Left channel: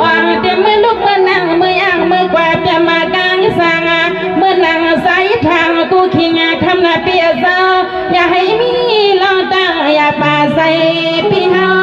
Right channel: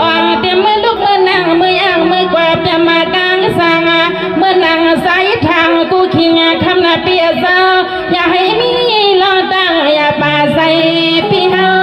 อ่อนเตรียมมือลุกมือนั่งมือย่างมือกวาดเตรียมมากางสังมือนั่งใส่ทางกูขิงคำนาเปียซาอย่าให้มีลองตั้งอย่าป่าใส่พี่เฮา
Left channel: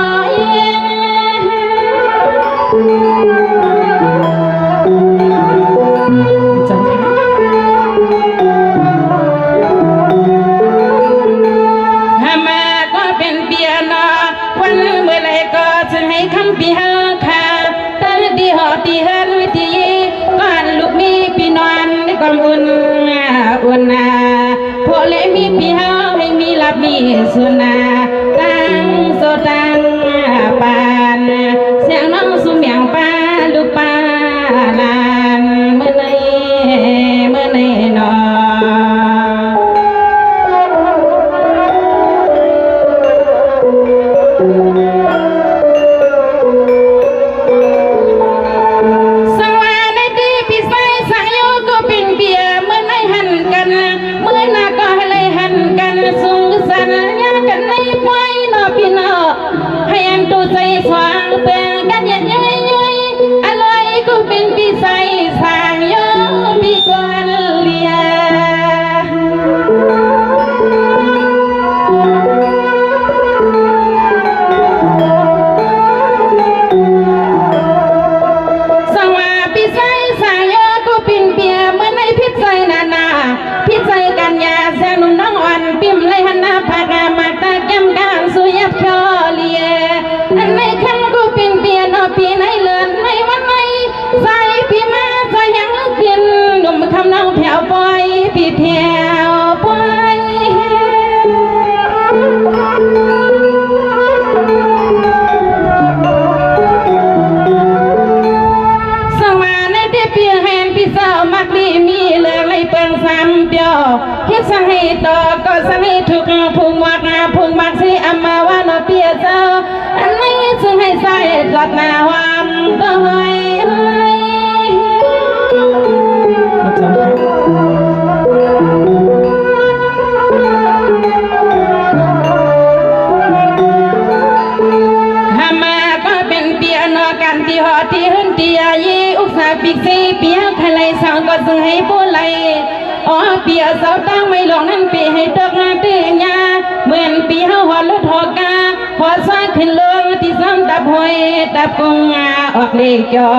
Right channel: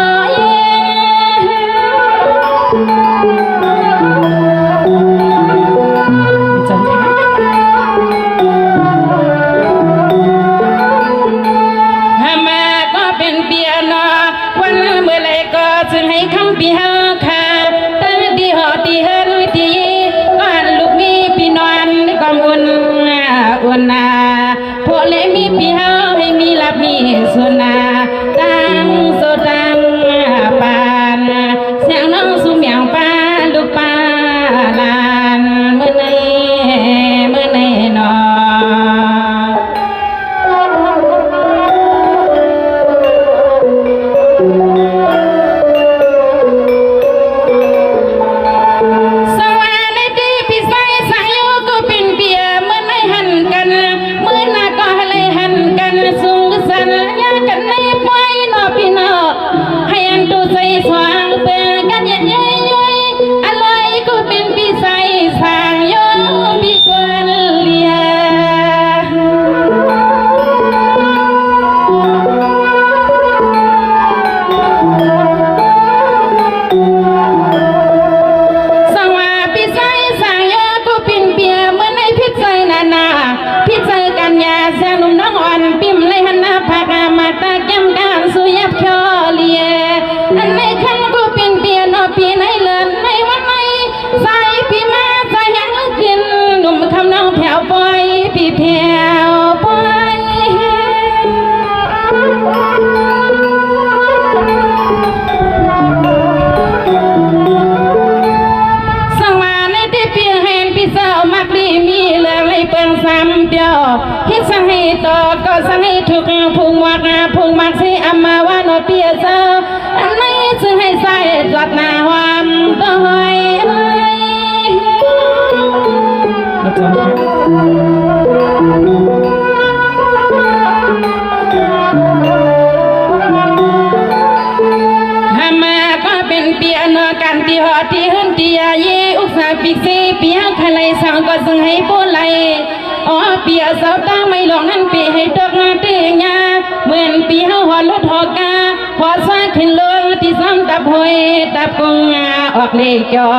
เลจอ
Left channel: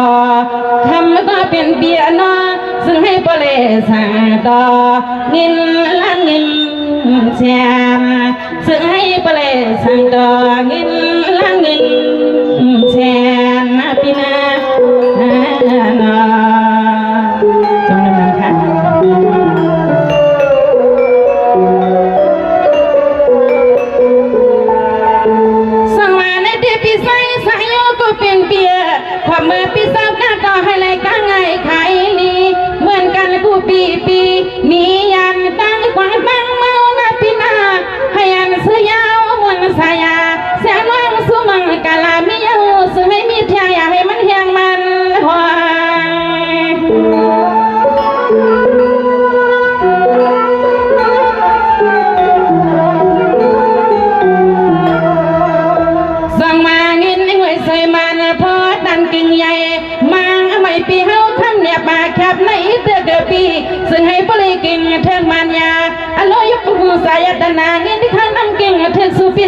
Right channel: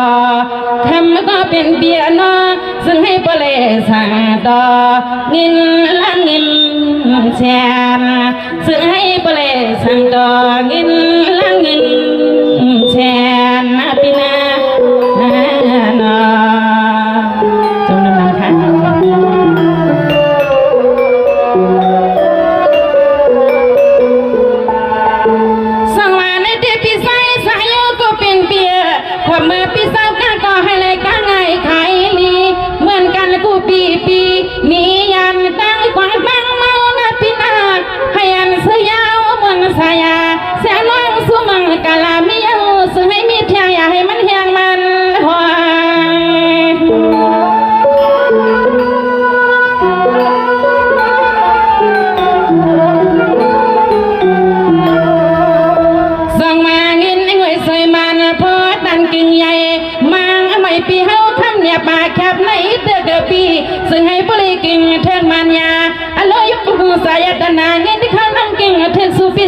คำก็เป็นเบียร์นอซึ่งให้ปเลสาต่อเงินละเงินแชร์ซึ่งให้ปเลสาต่อเงินละเงินแชร์นะพี่นาจงนำค่ะ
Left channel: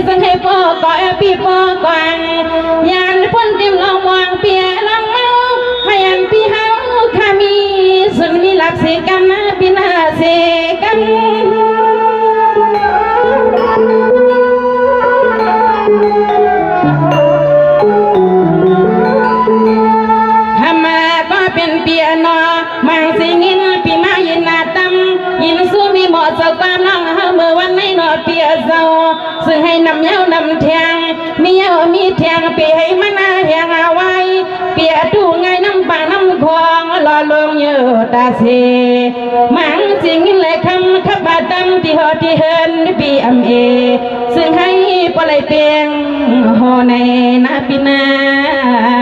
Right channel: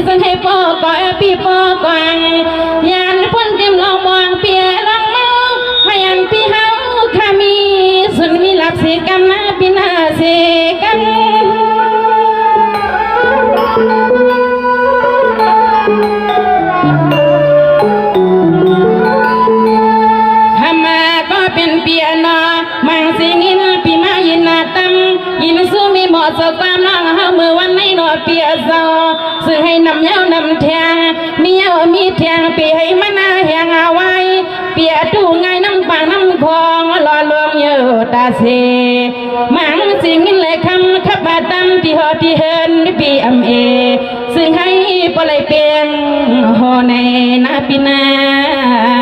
ซึ่งให้พ่อก่อพี่พ่อกวางยานพ้นจิ้มเอามองเปียลังให้ยันพี่เฮาข้ามีส่วนมีหลักเสกรรมนะพี่นาเสกรรมทำมาก็เป็นเปียนอมังสิงินพี่มายินาตั้มยินสู้มีหมดสตามน้องเฮาเมื่อวันในหนอเปียเศร้าซึ่งให้นำเย้านำเทียงมีเย้ามีเทียงปีให้มันนาแหงเอาไว้เปียดูไงน้ำปากน้ำคลองรอลวงเย้าตาเสมังสิงินเลยคำขับบาดำที่หอที่เฮินปีอำเอซึ่งให้ปล่อยเปียงหอในนาปีนา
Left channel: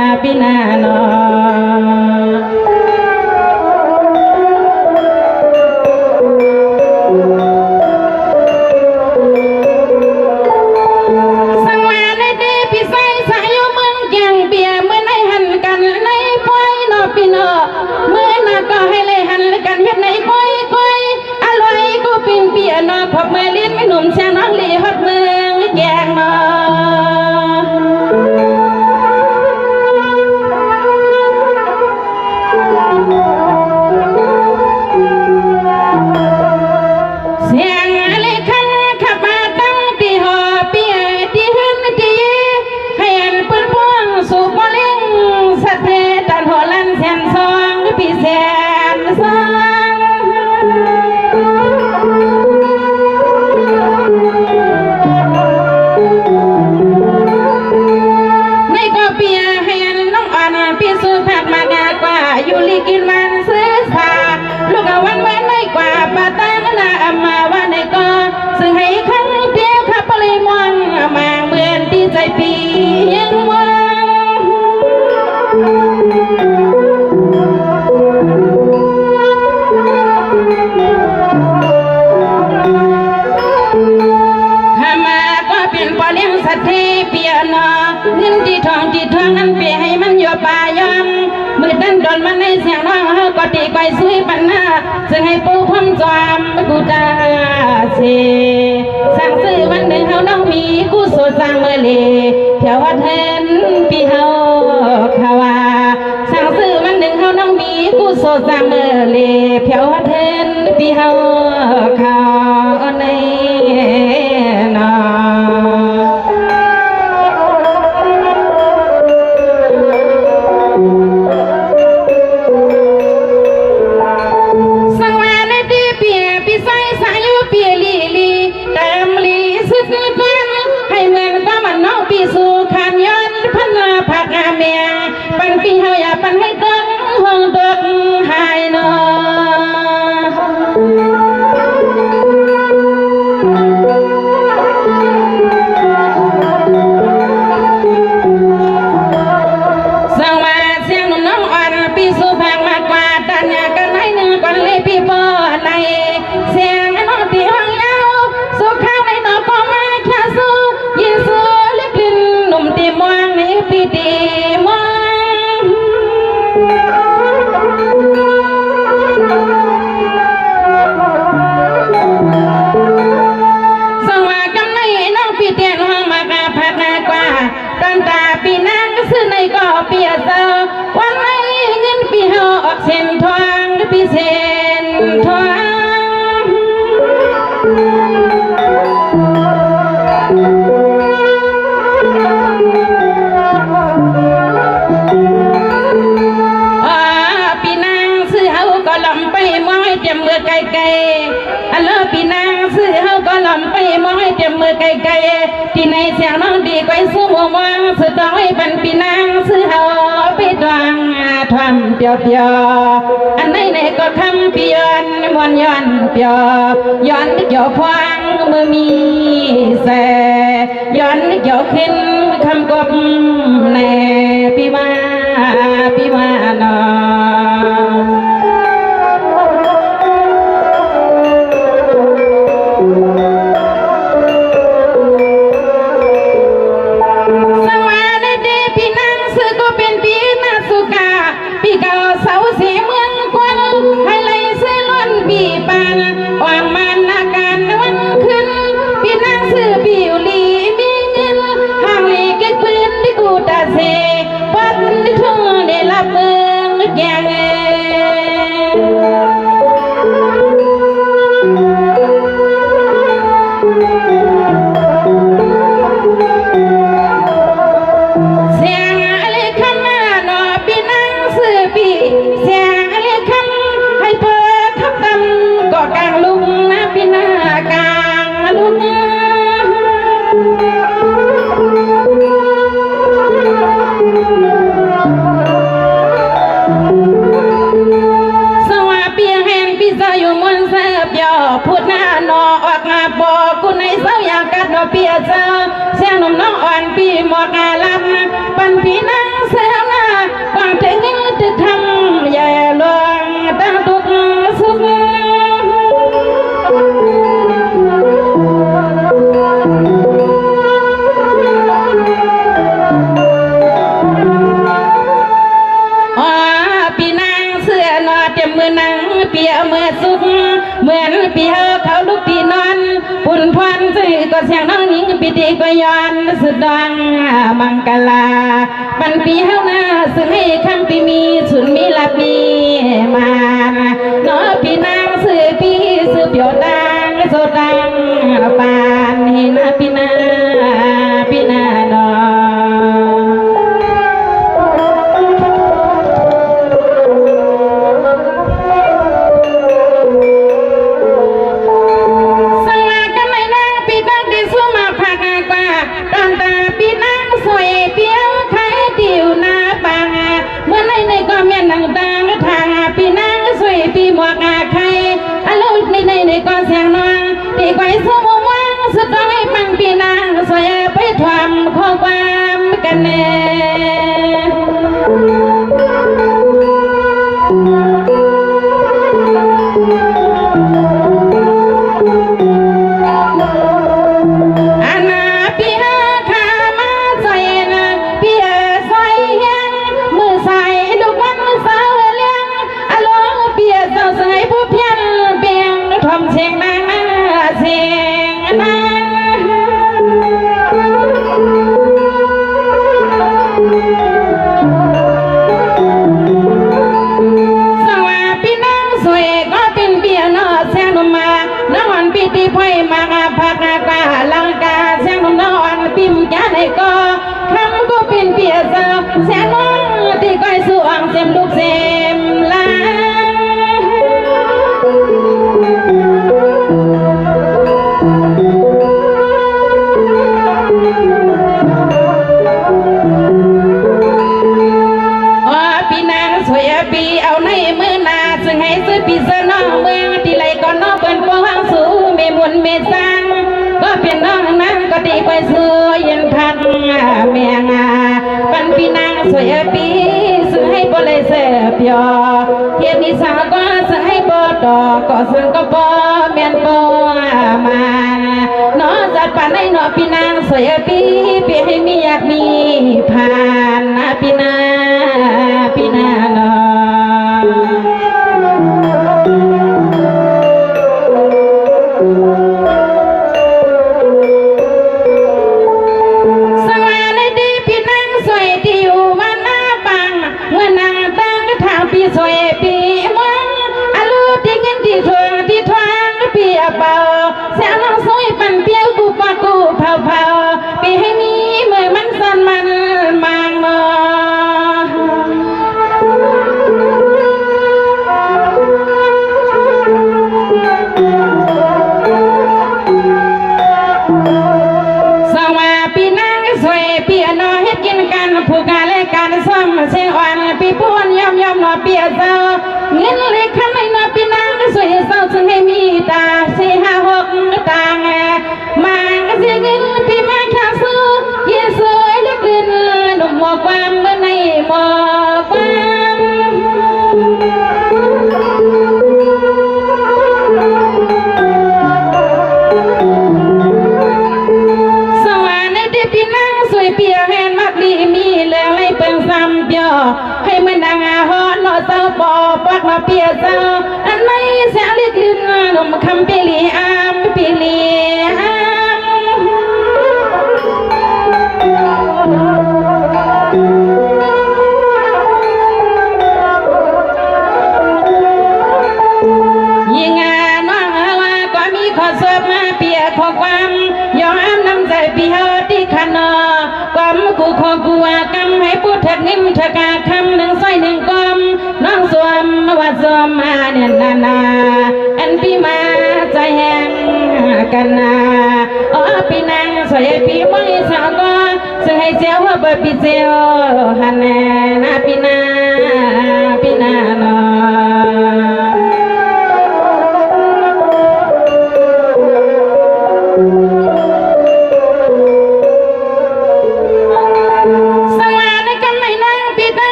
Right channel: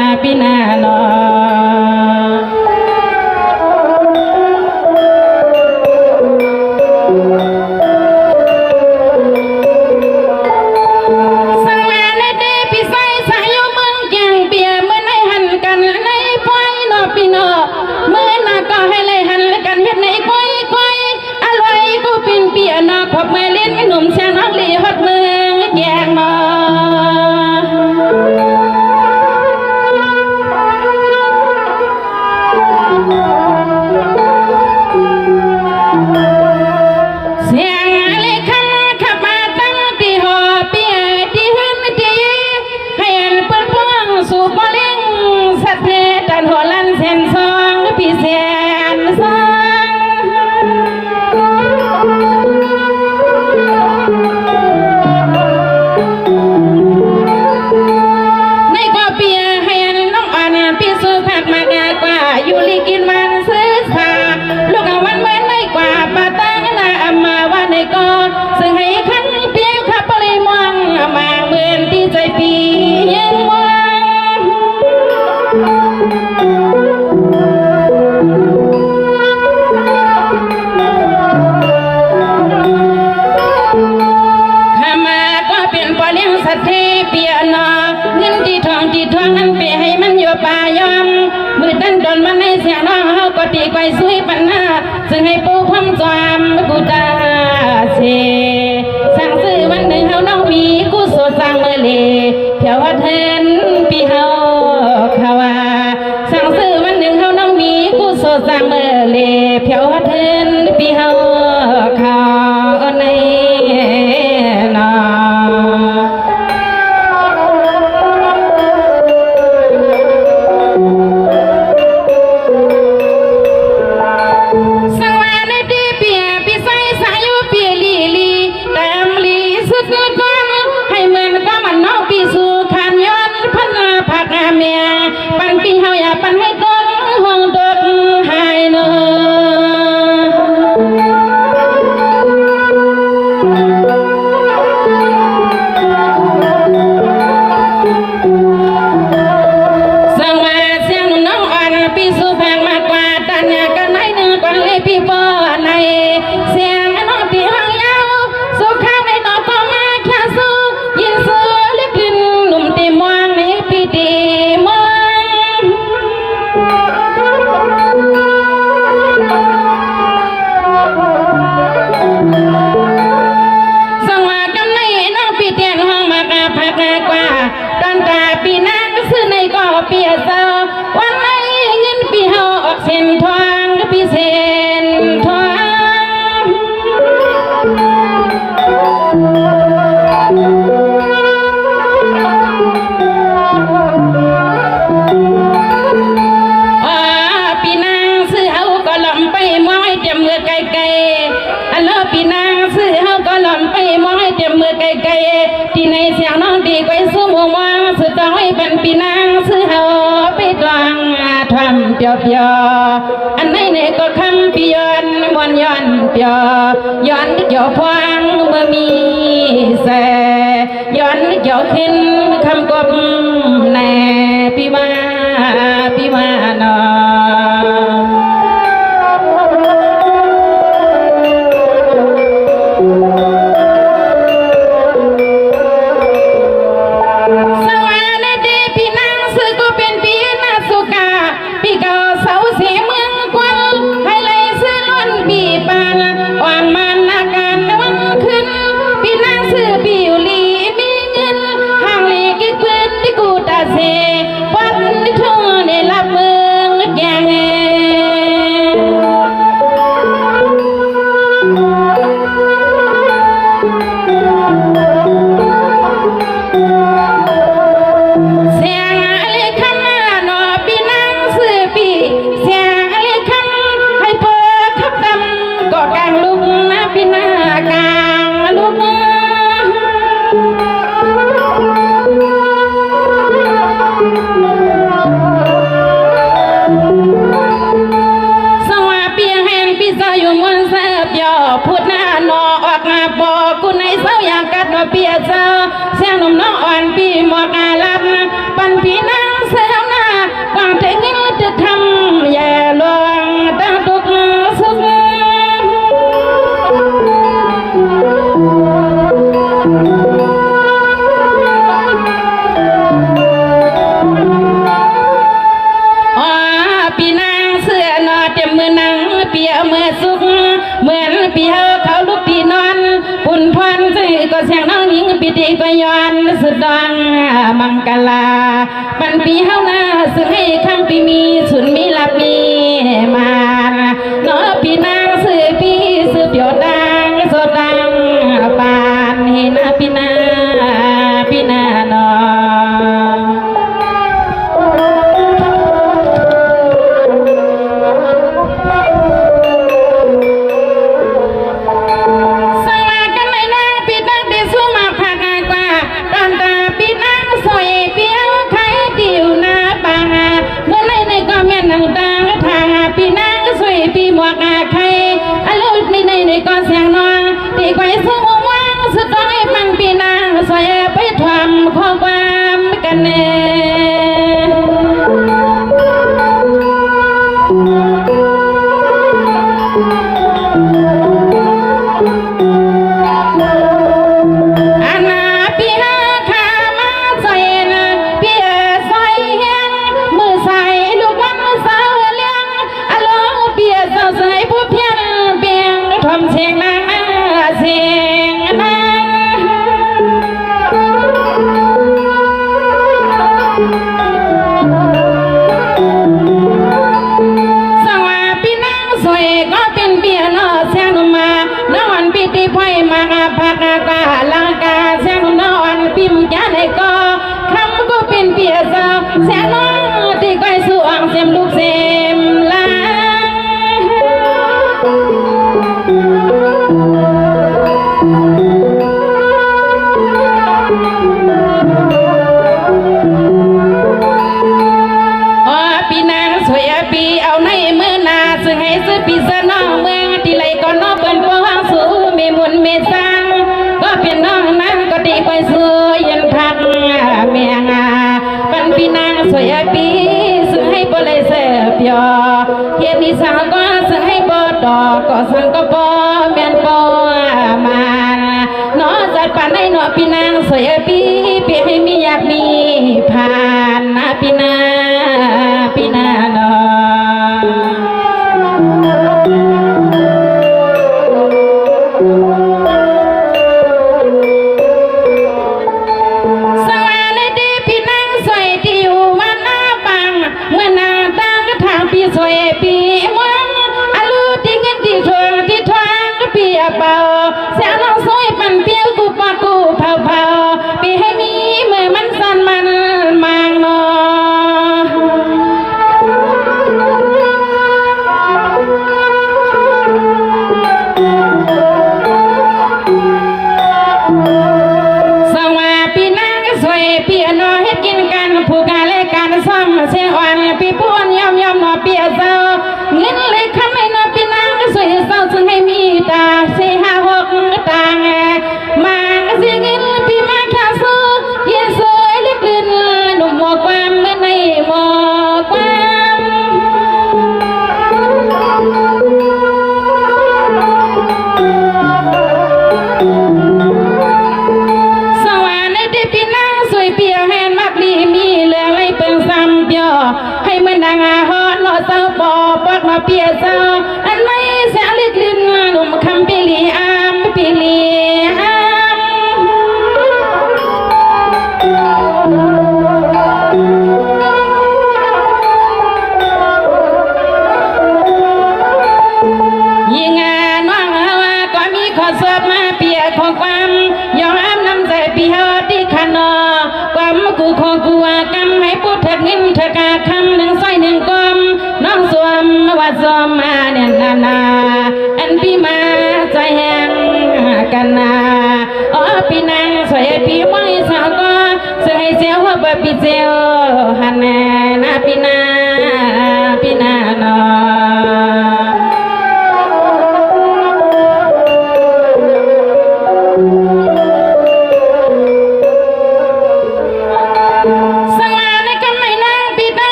องมือตั้งตอนมันในเสียงน้องเฮาก็ตีไกวซุยปัญหาซึ่งให้ปูพร้อมจอมกูตาเชสั่งซื้อวันหนึ่งเฮาน้องมีกูสดสั่งเมื่อเลเที่ยววัดเห็นปีเฮาเขาว่าสั่งซื้อวันหนึ่งเฮาน้องมีกูสดสั่งเมื่อเลเที่ยววัดเห็นปีเฮาเขาในนอสังวาในดีเปียปีใสสายุเปียลีลีเต็มลีสุดสุดวันให้เหมือนก็มันน้องปีสู่ขันย้อนพันผักเมียปันปีเฮาอย่าปันให้ต้นห้องตกหายนอสังวาเสียงน้องอ่อนปีสู่แพงมากกว่าตันยากันให้หนึ่งก่อนเลยปีปอในเสียงน้องปีห้องยาวสู่ข้าวในดอกก็มาแค่สู้ยินสู้เล็กลิ้นหนุ่มตีมองในปีตีมองสังวากันในน้องปีเตียนห้องมากาพักกว่าตอนตาปีหน้าก็ซื้อในก็เปียเซอวันไหนเงินปีเฮาออกเส้นทางก็ปีเส้นทางปีนางซื้อเฮาก็ลำไปมองให้เต็มมือไกลๆอันแล้วปีนางซื้อเฮาก็ลำไปมองให้เต็มมือไกลๆที่ในเสียงน้องดีไกวสู้มัวมองสุดต้องให้ปันปีนางซื้อเฮาไปตวงทำเปียวๆอันไหนก็คำปีย้อนมวนย้อนเปียวย้อนเกี่ยวพวงมือมีแสย้อนเกี่ยวขึ้นคำกบแน่ปีมาเนาะสวัสดีพี่นางซื้อก็เป็นปีนาสุกาปีเก่าเสาเสียเมืองกวนให้เลยซื้อล้นปีปังวางมันอาการวันขึ้นพี่นางซื้อปีอยู่ลีมีเงินห่างลีเก็บเงินที่กูตาเสวัดที่ทุ่งในรับเมืองอย่างเงเสียงอะไรคำนอปีนางซื้อปีเสียงอะไรคำให้เปิดทับดำก็กลางลุกนะปีนากลางลุกสวัสดีเห็นปีเสาอยู่มันเสียบยอพูดหน้านอออกมาบอกกูในเสาอยากกัดว่าเปียเสาเสียงหนุ่มน้องอ่อนปีหมวกอาลับปันปีนางเสียหน้าก่อนแต่ยิ่งจะทำแย่ลงตั้งตุกสุขปีนางเสื้อนอเต็มมือนังเปียมือสุกเหมือนปีเฮาเขาลูกปีนอนปุ่นพรซื้อก็เสียงน้องหญิงปีตีก็ย้อนสุดดองมังกลาปันปีเฮาหน้าซื้อให้คำปีมีสุนมีลับมีมาเนาะปีนางซื้อปีซื้อเปียวดังโซดังบานเห็นปีนาเนาะสังวากันในนางปีนางได้สู้มาพักกว่าตอนตาปีนางสวยเปียวไข่ติวหน้าบางเมื่อไรในก็แม่นางตางทางปีนางสวยปีหมวกไข่อารมณ์ในก็เสียงนอนตีไกวสู้ว่างสุดต้องให้ฟังปีนางสวยไปทำข้อความกันแน่ อาณาปีหาขามาใส่นะเปียใส่ยังมือใส่ ปีสื่อให้บ่เลยเสียเปียเฮ็ดนิสัยก็สื่อให้บ่ดอกก็สังก็บ่เมียนบ่มาเนาะจัดปานให้เนาะพี่นางสวยปีปีให้มีอยากมีผ่านนะพี่นาเนาะ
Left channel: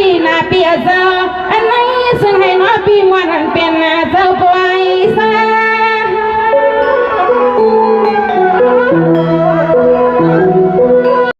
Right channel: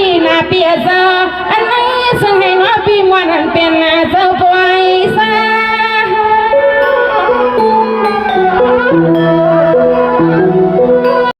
ปีนาเปียเจ้าอันนี้ซึ่งให้ว่าปีมวนอันเป็นเจ้าปล่อยใส่